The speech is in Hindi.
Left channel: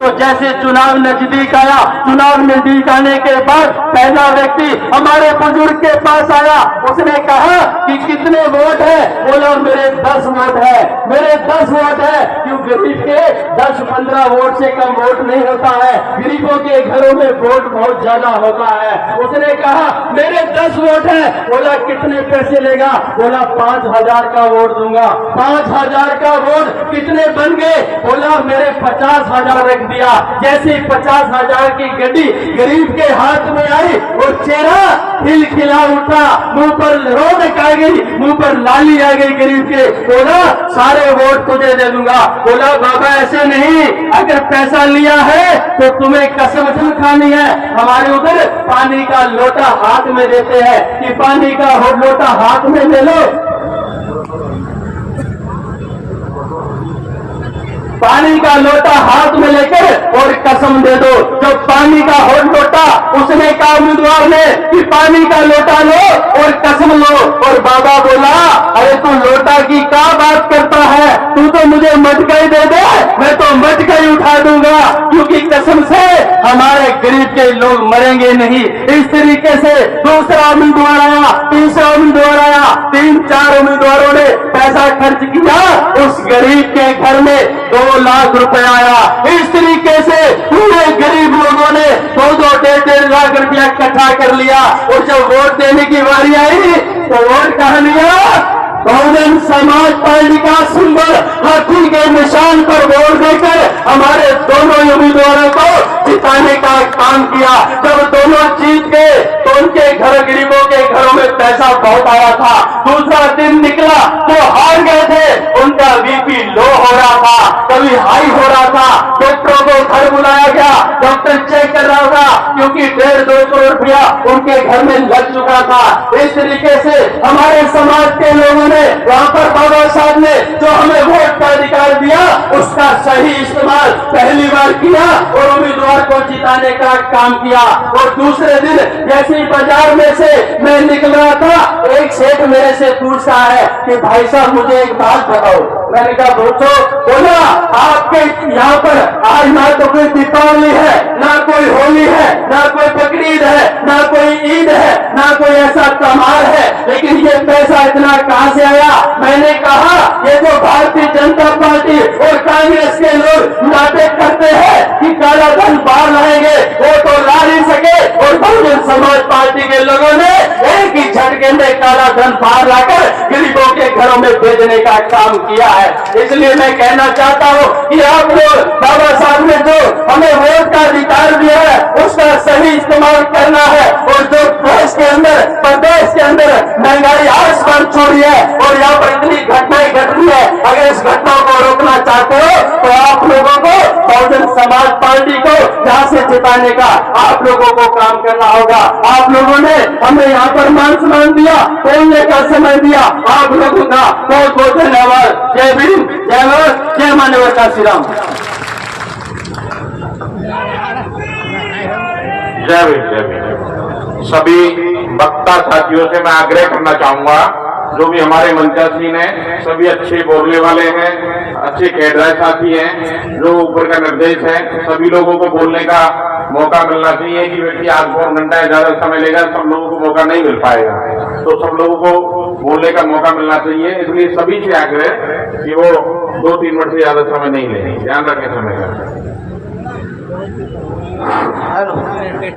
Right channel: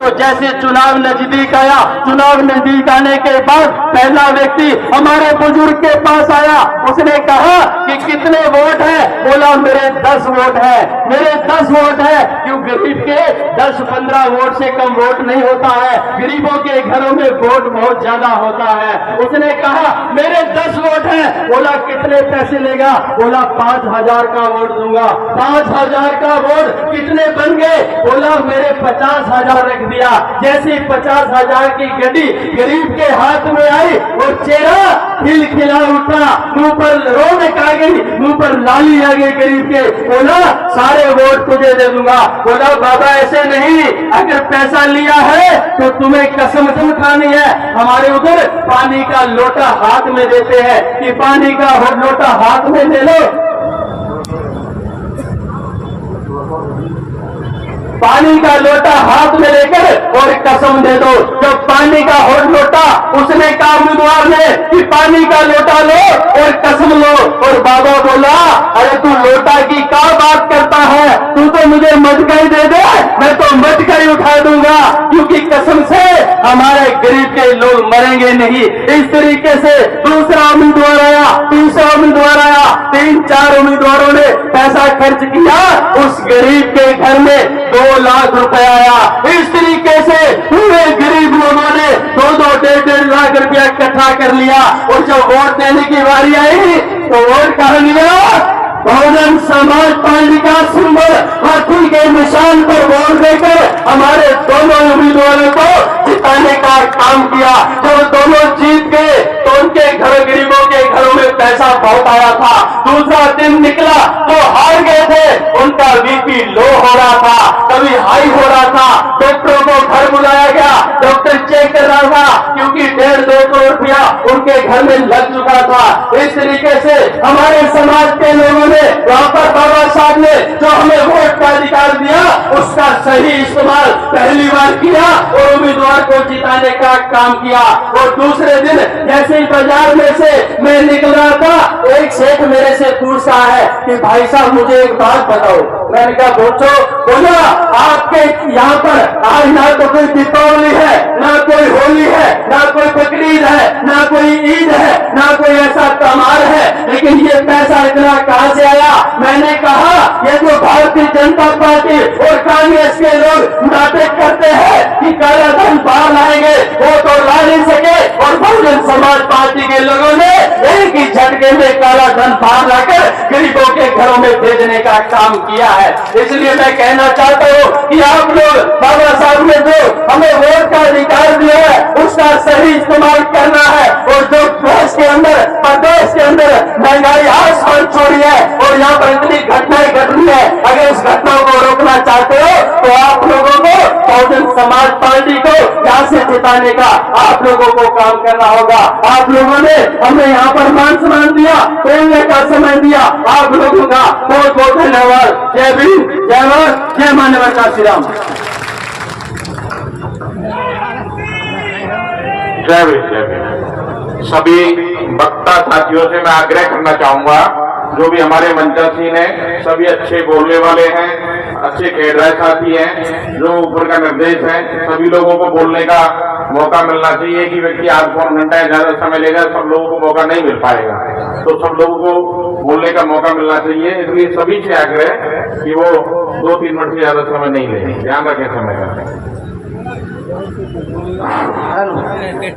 तो जैसे चुनाव नजदीक आया, चुनाव नजदीक आने के बाद पहला व्यक्ति हमारे बुजुर्ग के पास आया। उसने कहा कि कितने वोट है? बोला मेरे 10 वोट है, मेरे 10 वोट है। क्यों? गरीब के 10-15 वोट से कम वोट नहीं होता है, गरीबों के घरों में वोट बहुत ज्यादा होता है। उसने कहा मेरे 10 वोट है। बोला कितने पैसे लेगा? बोला 5,000 का वोट दूंगा। 5,000 का वोट कितने बन गए? बोला मेरे 50,000 रख दिया। जैसे 50,000 की गड्डी गरीब के हाथ में आई और चेहरा खिलखिला उठा, मुंह पर रौनक आ गई, मुंह पर लाली आ गई गरीब के। बोला सारे वोट तुझे दे दूंगा। बोला बाबा ऐसे नहीं, अगर पैसा लिया है तो तुम्हें कसम खानी है। हमारे उधर पानी का लोटा हाथ में देते हैं कि पानी का लोटा हाथ में ले लो, पानी का लोटा हाथ में लेकर और कसम दे दो। जो पानी का लोटा, उसने कहा उम्मीदवार ने कि पानी का लोटा लो और कसम लो। और बाबा बोला अरे तू लोटा की क्या बात करता है? तू तो मुझे मटका ही दे दे, मैं तो मटका ही उठा दूंगा, क्योंकि कसम से हमारे गरीब के लोग मरेंगे नहीं। इस तरीके से दूसरा उम्मीदवार आया, तीसरा उम्मीदवार आया, 3-4 उम्मीदवारों ने पैसा खर्च किया। उस गरीब के घर में 2 लाख रुपए आया। इस तरीके से पूरे गरीब लोगों ने 2-2, 1.5 लाख रुपया इकट्ठा कर लिया। और जब वोट देने की बारी आई तो वोट कहा लिया? बहुजन समाज पार्टी का सिंबल हाथी के निशान पर वोट देकर हमारे दोनों उम्मीदवारों को जिताने का काम किया। जब दोनों जीत गए तो उनके घर, गरीबों के घरों में पैसा बहुत आया था। दूसरा दिन निकला तो हार गए थे, उनका बीपी लो हो रहा था, कभी हाई हो रहा था। डॉक्टरों को घर बुलाया गया, डॉक्टर चेक कर रहा था, क्योंकि 1.5-2 करोड़ रुपया उनके घर में लग चुका था। इस तरीके से हमारे समाज के लोगों ने वहां पर बाबा साहब ने जो हमें वोट का अधिकार दिया उसका सही इस्तेमाल पहली बार किया और उम्मीदवार को जिताने का काम किया। और दूसरे दिन जैसे ही बाजार में से मैं निकल रहा था, एक सेठ मेरे से पूछ रहा है कि भाई साहब मुझे एक बात बताओ। मैंने कहा पूछो। बोला आपके यहाँ पर आज ना तो कोई दीपावली है, ना कोई होली है, ना कोई बकरीद है, ना कोई ईद है, ना कोई ऐसा त्योहार है, लेकिन ये पैसा इतना कहां से आया? मैंने कहा ये जो भारतीय जनता पार्टी और कांग्रेस के लोग नाटक करते हैं कि काला धन बाहर लाएंगे, वो तो ला नहीं सके। और बहुजन समाज पार्टी के लोगों ने एक ही झटके में काला धन बाहर लाकर गरीबों के घरों में भेजने का काम किया है। इसलिए मैं कहना चाहता हूं कि आप लोग, बाबा साहब ने जो हमें वोट का अधिकार दिया है उसका सही इस्तेमाल करना है। और जो देश के अंदर, प्रदेश के अंदर महंगाई आसमान छू रही है और यहाँ पर इतनी घटनाएं घट रही है, अगर इस घटना को रोकना चाहते हो तो आप लोगों को, बहुजन समाज पार्टी को यहाँ से जिताने का आप लोगों को काम करना होगा। आप लोगों ने हमें यहाँ पर मान सम्मान दिया, बोलने का समय दिया, आप लोगों का बहुत बहुत धन्यवाद। जय भीम, जय भारत, जय मानव का श्री राम। जय भीम, जय भीम। सभी वक्ता साथियों से मैं आग्रह करना चाहूंगा, जो भी हमारे मंचासीन हैं सभी अच्छे बोलने वाले हैं, अच्छे कैडर साथी हैं, जो ऊपर का निर्देश है, सभी लोगों को बोलने का मौका मिलना चाहिए। कि व्यक्ति आज 4 घंटा ज्यादा समय लेगा, सब लोगों को मौका नहीं मिल पाएगा, तो सब लोगों को बोलने का मौका मिलना चाहिए। इसलिए सभी से आग्रह कि वो 2-3 मिनट से ज्यादा समय नहीं लें, ध्यान रखें समय का।